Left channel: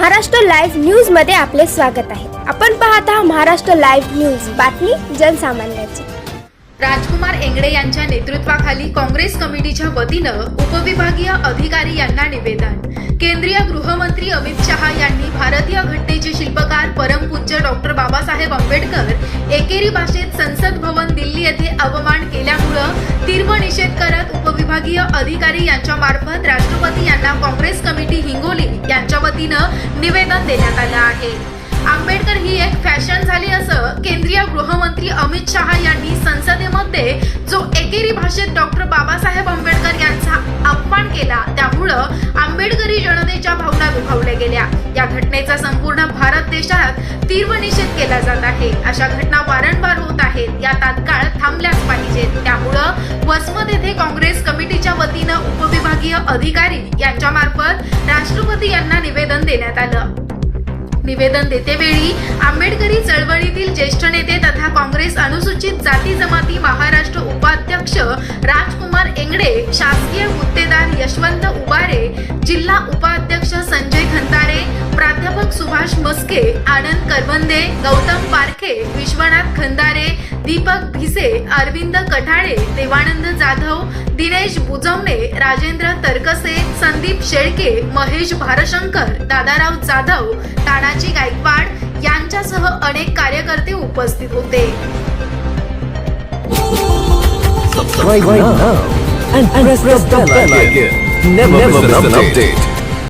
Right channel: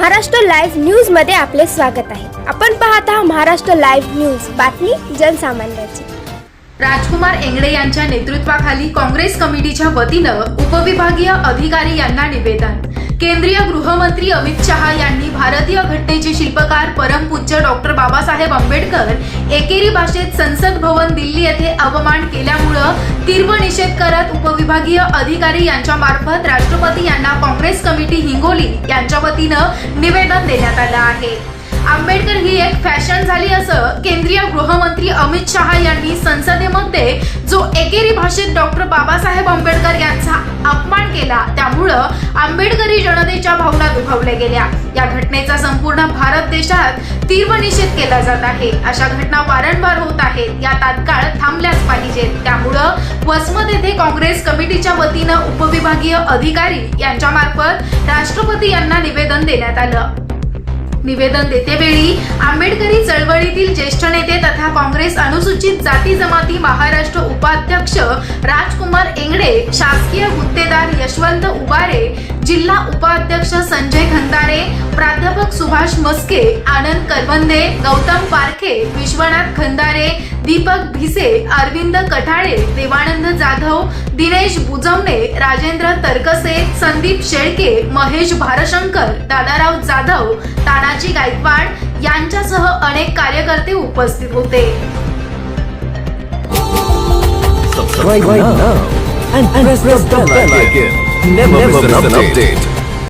Maharashtra live न्यूजमध्ये आपले स्वागत आहे. आपण पाहत आहात महाराष्ट्र लाईव्ह न्यूज. बातमी जनसामान्याची. राजकुमार एंगडे यांच्या नेतृत्वाखाली काँग्रेस कमिटीच्या वतीनं उपविभागीय अधिकारी यांना निवेदन. केंद्रीय गृहमंत्री अमित शहा यांनी भारतीय घटनेचे शिल्पकार परमपूज्य डॉक्टर बाबासाहेब आंबेडकर एकेरी भाषेत संसद भवन दिल्ली येथे अवमान केल्या तीव्र निषेध करत उपविभागीय अधिकारी यांच्या मार्फत राष्ट्रपती यांना काँग्रेस कमिटी हिंगोली यांच्या वतीनं निवेदन देण्यात आलं आहे. आंबेडकर ही एक फॅशन झाली असं केंद्रीय गृहमंत्री अमित शहा यांनी संसदेमध्ये जो एकेरी भाषेत डॉक्टर बाबासाहेब आंबेडकर यांचा अपमान केला त्यामुळं आंबेडकरी जनतेच्या भावना दुखावल्या गेल्या. या घटनेचा संपूर्ण भारत देशात तीव्र निषेध केला जात आहे. अशा घटना वारंवार होत आहेत. या तात्काळ थांबल्याच पाहिजेत. त्यामुळं वसमत येथे काँग्रेस कमिटीच्या वतीनं उपविभागीय अधिकारी यांच्या मार्फत राष्ट्रपती यांना निवेदन देण्यात आलं. निवेदन देतेवेळी आंबेडकरी चळवळीतील ज्येष्ठ नेते तथा काँग्रेस अनुसूचित जाती जमाती महाराष्ट्र उपाध्यक्ष राजकुमार एंगडे शासकीय गुत्तेदार यशवंत उबारे जिल्हा उपाध्यक्ष संजय खंदारे प्राध्यापक सुभाष मस्के आनंद करवंदे गौतम पारखे विश्वनाथ खंदारे दीपक भिसे अरविंद कठाळे देवानंद जाधव दिनेश बुजवणे राजेंद्र तरकसे संदीप शेळके महेश भारशंकर दादाराव जाधव तानाजी गायकवाड यांच्यासह अनेक कार्यकर्ते उपस्थित होते subscribe now and, press, the bell icon. Never, miss an update.